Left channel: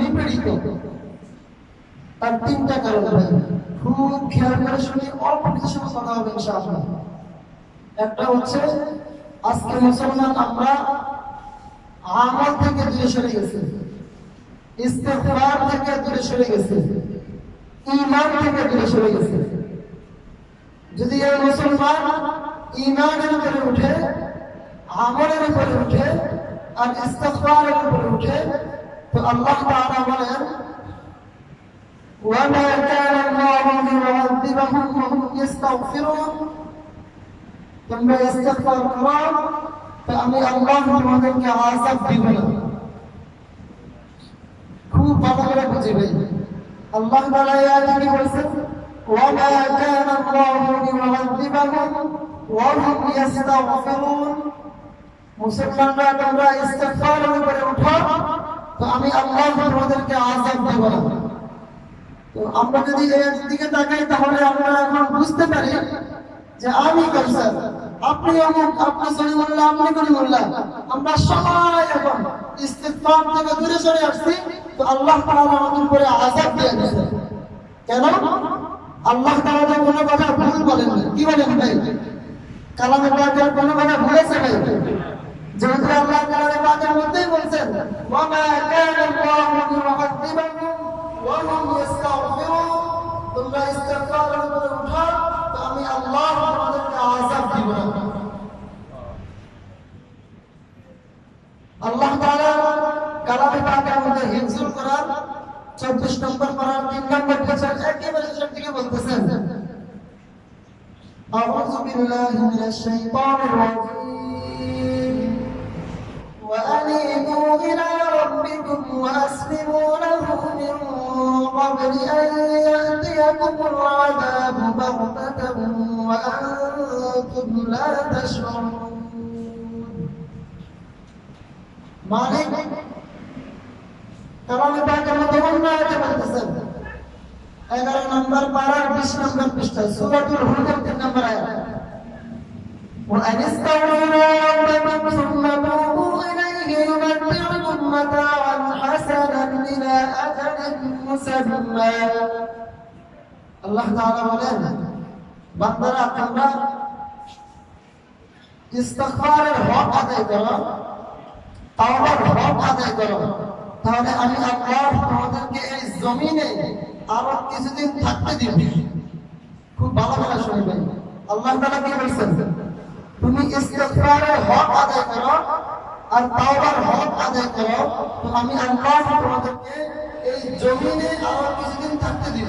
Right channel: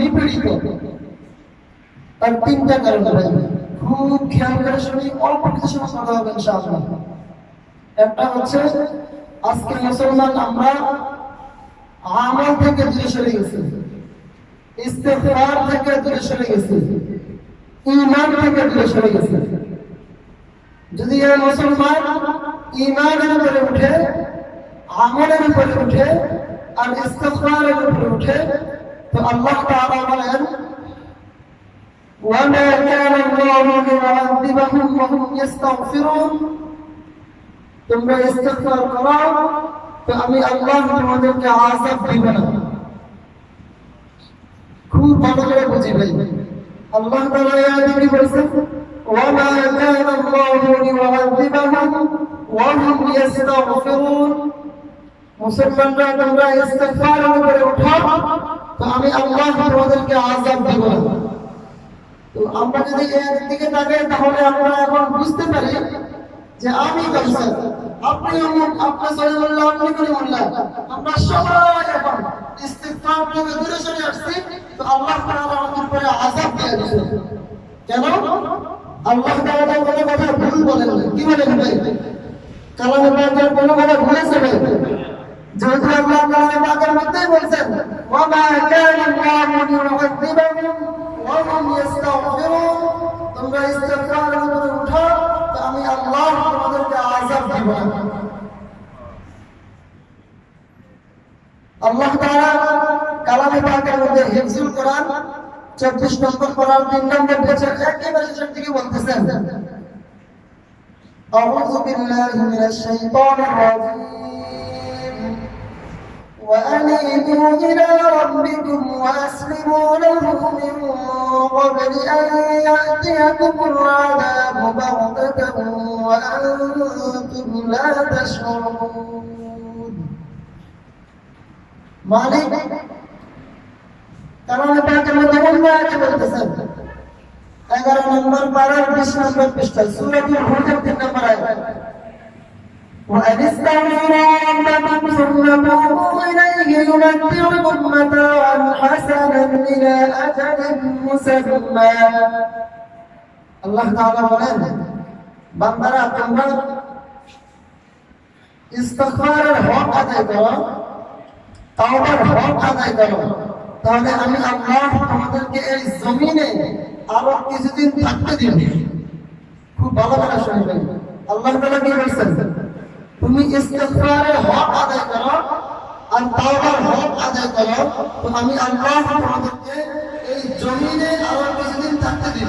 নিপীড়িত, তার তিনটা কারণ ভাই খুব খেয়াল করে শুনি, অল্প কিছু সময় কথা হবে ইনশাআল্লাহ। একটা হচ্ছে আজকে মুসলমান আমরা আমল থেকে দূরে সরে গেছি, ইস্তেগফার থেকে দূরে সরে গেছি, ঈমান থেকে দূরে সরে গেছি। যদি এই মুসলমান ঈমানের উপরে উঠে, আমলের উপরে উঠে আর ইস্তেগফারের উপরে উঠে, তো আল্লাহ তাআলা বলেন وما كان الله ليعذبهم وهم يستغفرون, তোমরা ইস্তেগফার করো তো আমি আল্লাহ তোমাদেরকে আযাব দিব না। খুব ভালো করে বুঝিবেন, আল্লাহ তাআলা এই আয়াতে বলেছেন وما كان الله ليعذبهم وهم يستغفرون, মুসলমানরা তোমরা ইস্তেগফারের উপরে উঠো তো আমি আল্লাহ তোমাদেরকে আযাব দিব না। তো আমরা যদি এর দিকে তাকাই তাহলে আমরা এখন বুঝতে পারি যে আমি কাউসার, আপনি অমুক, আপনি সলিমুল্লাহ, আপনি কলিমুল্লাহ, আমরা সবাই এখন ইস্তিগফার থেকে দূরে সরে আসছি, তো আল্লাহ তাআলা আমাদের উপরে আযাব দিয়ে দিয়েছে। কেন? আল্লাহ তাআলা কোনো কথা ভুল বলেন না। কি বলেন ভাই? কালামে পাকের কোনো কথা ভুলেছে ভাই? যেহেতু আল্লাহ কালামে পাকের মধ্যেই বলছেন ওয়া মা কানা আল্লাহু লিয়ুআযিবাহুম ওয়া হুম ইস্তাগফিরুন, তোমরা ইস্তিগফারের উপরে উঠো তো আমি আল্লাহ তোমাদেরকে আযাব দিব না। আল্লাহ তাআলা কালামে পাকের মধ্যে হিফজুল কোরআন 24 নম্বর পারার 3 নম্বর পেজের একেবারে শেষের দিকে বলতেছেন আউযু বিল্লাহি মিনাশ শাইতানির রাজীম ওয়া আনিবু ইলা রাব্বিকুম ওয়া আসলিমু লাহু মিন ক্বাবলি আন ইয়াতিয়াকুমুল আযাবু বাগতাতান ওয়া আনতুম লা তাশউরুন। মালিক কালামে পাকের মধ্যে আয়াতে বলতেছেন 11 নম্বর পারার 20 নম্বর পৃষ্ঠা সূরাতুল হুদের 3 নম্বর আয়াত وأن استغفروا ربكم ثم توبوا إليه يمتعكم متاعا حسنا إلى أجل مسمى। আল্লাহ তাআলা বলেন বান্দারা তোমরা ইস্তিগফারের হক আদায় করো, তাওবার হক আদায় করো, তাহলে আমি আল্লাহ তোমাদেরকে এই জমিনে আরো কিছুদিন থাকতে দিব। খুব ভালো করে শুনবেন, আল্লাহ তাআলা কি বলছেন? তুমি ইস্তিগফারের হক আদায় করো আর তাওবার হক আদায় করো, তো আমি আল্লাহ তোমাদেরকে এই জমিনে আরো কিছুদিন থাকতে দিব।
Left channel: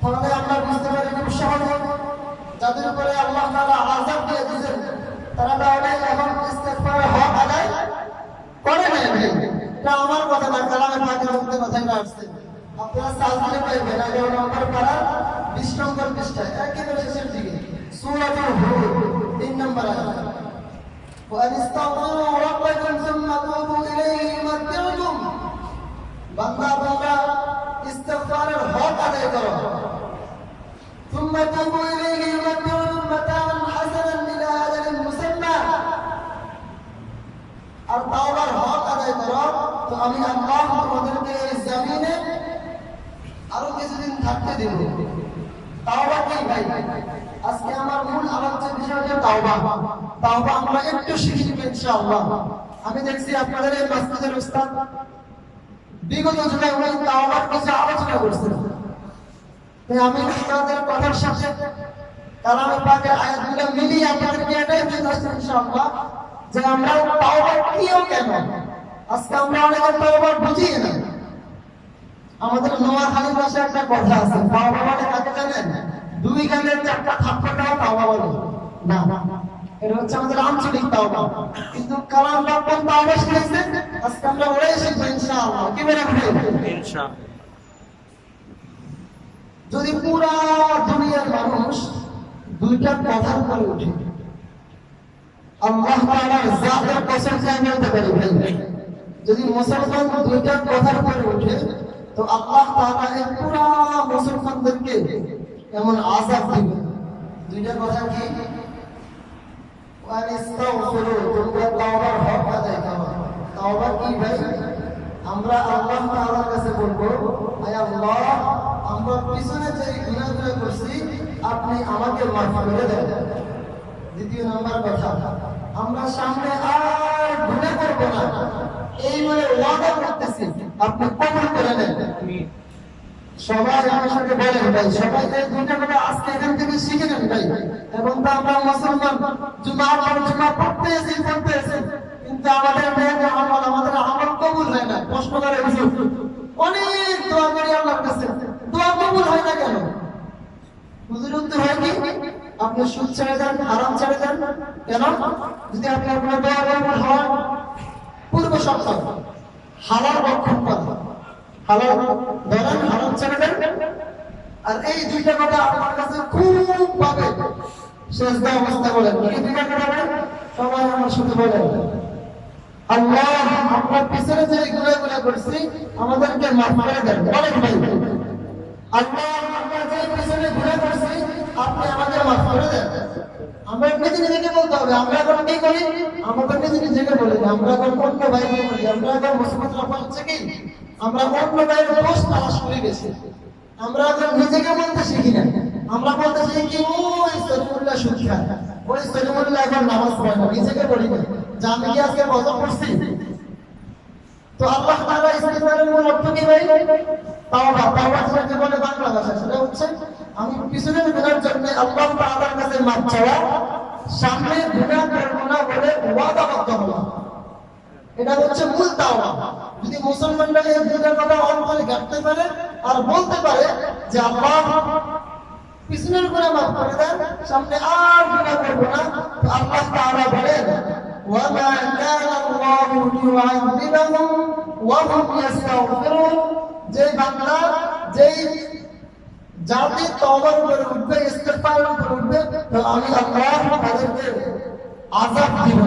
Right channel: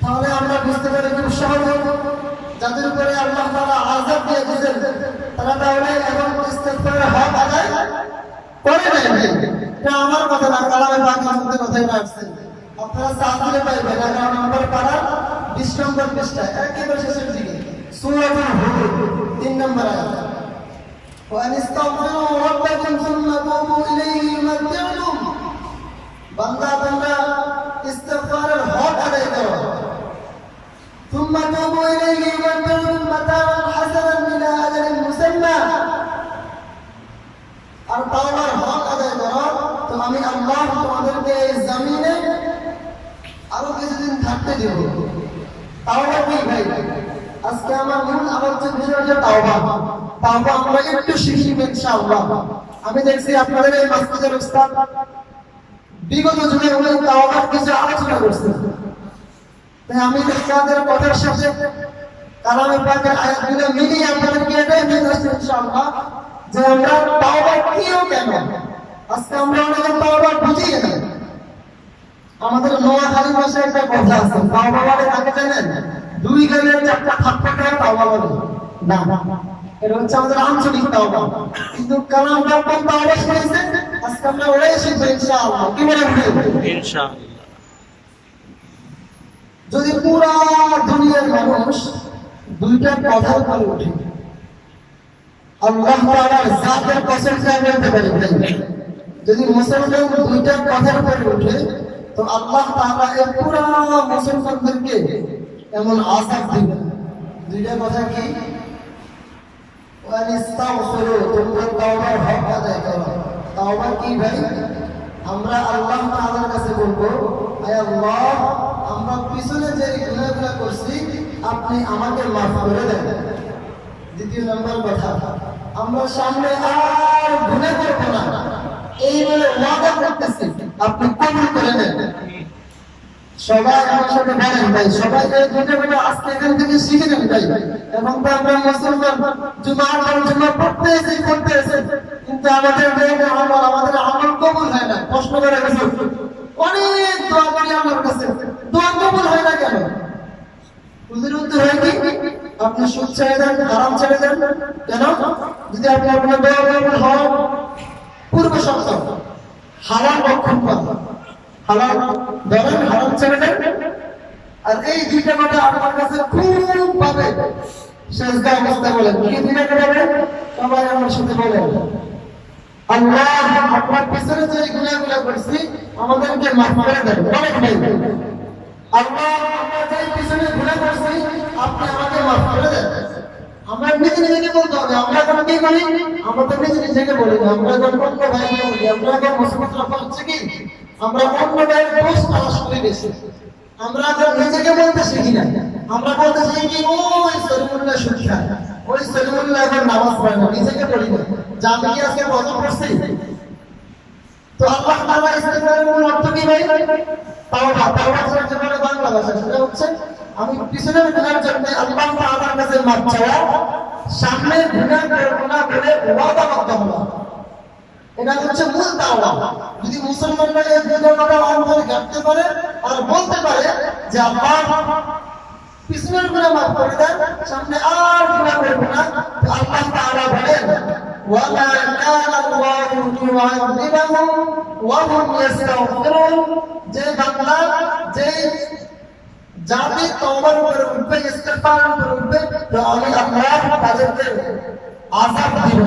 তাহলে আমরা বুঝতে পারি খুব সহজে যাদের উপরে আল্লাহ তাআলা আযাব দিয়ে দিয়েছেন তারা তাহলে এখন ইস্তিগফারের হক আদায় করে নাই। এটা আমার কথা না, কালামে পাকের মধ্যে কথাই রাখছে। আপনারা সাজিয়ে পাইবেন 11 নম্বর পারা 20 নম্বর পৃষ্ঠা একেবারে শেষের দিকে সূরাতুল হুদ 3 নম্বর আয়াত ওয়া আনিস্তাগফিরু রাব্বাকুম সুম্মা তুবু ইলাইহি ইউমাতিউকুম, বান্দা বান্দা ইস্তিগফারের হক আদায় করো, সুম্মা তুবু ইলাইহি ইউমাতিউকুম মাতাআন হাসানান ইলা আজালিন মুসাম্মা, আর তাওবার হক আদায় করো তো আমি আল্লাহ তোমাদেরকে এই জমিনে আরো কিছুদিন থাকতে দেব। তাওবা কি ভাই? আজকে আমার মূল আলোচ্য বিষয় হচ্ছে তাওবা। তাওবা আমরা একটু শিখব ইনশাআল্লাহ। আমি দেখছি আপনাদের এই মসজিদের উস্তাদ বিগত যুগে উনি তাওবার কিছু আলোচনা করছেন, তাই আমি উস্তাদের কথার সাথে কালামে পাকের আয়াতগুলো মিলিয়ে আপনাদেরকে এটাই বোঝাচ্ছি ইনশাআল্লাহ যে আমরা তাওবা কিও কেন। আজকে আমরা অনেকে তাওবা বুঝি না। আমাদের নোয়াখালী ভাষায় একটা কথা আছে, তাওবা বলে কাকে জানেন? 2 গালের 4টা থাপ্পড় তাওবা বলে না, এটা হচ্ছে আমাদের আঞ্চলিক তাওবা। কিন্তু কালাম পাক তাওবা শিখেছে, আজকে আমরা ওরাই শিখব ইনশাআল্লাহ। কি বলেন ইনশাআল্লাহ? যদি পুরা দুনিয়ার মানুষ 2টা কথার উপরে ওঠে, আল্লাহ তাআলার জাতের কসম খেয়ে বলতে পারি ভাই, যদি মুসলমান 2টা কথার উপরে ওঠে তো আল্লাহ তাআলা এই পুরা মুসলমানদেরকে এমন আযাব দিবেন। 2টা কথা কি? ওয়া আনিস্তাগফিরু, তোমরা তাওবার হক আদায় করো। তাওবা কি ভাই? আমরা আল্লাহ তাআলার কাছে বলবো, হে আল্লাহ, আমরা পিছনে যে গুনাহগুলো করছি আপনি আমাকে মাফ করে দেন। দ্বিতীয় নাম্বার কথা, আমরা সামনে আর গুনাহ করব না, এই বলে ওয়াদা করতেছি, আপনি কবুল করে নেন। সবাই আমার সাথে বলেন ভাই, সবাই এই দুটো আজকে এখান থেকে শিখে নেন ভাই। এবং তো আমরা মুসলমান, জুমার পর জুমা পড়তে এসে কিন্তু আমাদের আমাদের আমল কবুল হয় না। কষ্ট করে গেছে, অনেক দোয়া করি আল্লাহর কাছে, দোয়া কবুল হয় না কেন? হুজুর উত্তর হয় কি, আপনি সুদ ছেড়ে দেন, হারাম ছেড়ে দেন। কেন? যদি আপনি আপনার দোয়া কবুল হয়, পূর্বে সপ্তাহ হারাম রক্ষণ করা, হালাল ধরেন, হারাম ছেড়ে দেন। আর এই দুইটা কথা আপনার কাছে খুব ভাবে সেজদা অবস্থা বলেন, কি দুইটা কথা বলেন? সবাই আমার সাথে বলেন, আল্লাহ, আমরা পিছনে যে গুনাহগুলো করছি আমাদেরকে মাফ করে দেন। বলেন ভাই, আল্লাহ, আমরা যে পিছনে গুনাহ করছি আপনি আমাকে মাফ করে দেন। আমরা নিজেকে বলতে হবে। আমরা এখন কি করি? আমরা তো নিজেকে বলি না, আমরা এখন অন্য ভাইকে বলি। আমরা এখন মুসলমানরা হচ্ছে কি, আমরা অন্য ভাইয়ের দোষ তালাশ করি বেশি। আমরা এখন নিজেকে বলতে শিখি না, আমরা বলতে শিখি কি, ওই সলিমুল্লাহ সুদ খায়, ওই সলিমুল্লাহ এখন নামাজ পড়ে না। নিজেকে বলি না যে আমি কি আজকে বদল করছি। তো আল্লাহ তাআলা ইসলামের মূল অর্থ কি ভাই? তাওবা। তাওবা যে বলে বাংলা ভাষা, সেটা হচ্ছে আমি পিছনের গুনাহের জন্য আল্লাহ তাআলার কাছে মাফ চাওয়া, সামনে গুনাহ করব না বলে ওয়াদাবদ্ধ হওয়া। এটা হচ্ছে মূল তাওবা। যদি মুসলমানরা এই দুইটা কথা অন্তরে গাঁথতে পারে আর বলতে পারে যে আল্লাহ, পিছনের গুনাহ মাফ করে দেন, সামনে আর গুনাহ করব না, তো আল্লাহ তাআলা বলেন, ওয়ামা কানা আল্লাহু লিউআযিবাহুম ওয়া হুম ইস্তাগফিরুন। যে বান্দা, যে জাতি তওবার উপরে উঠবে, ইস্তিগফারের উপরে উঠবে, তো আমি আল্লাহ তাদেরকে আযাব দিব।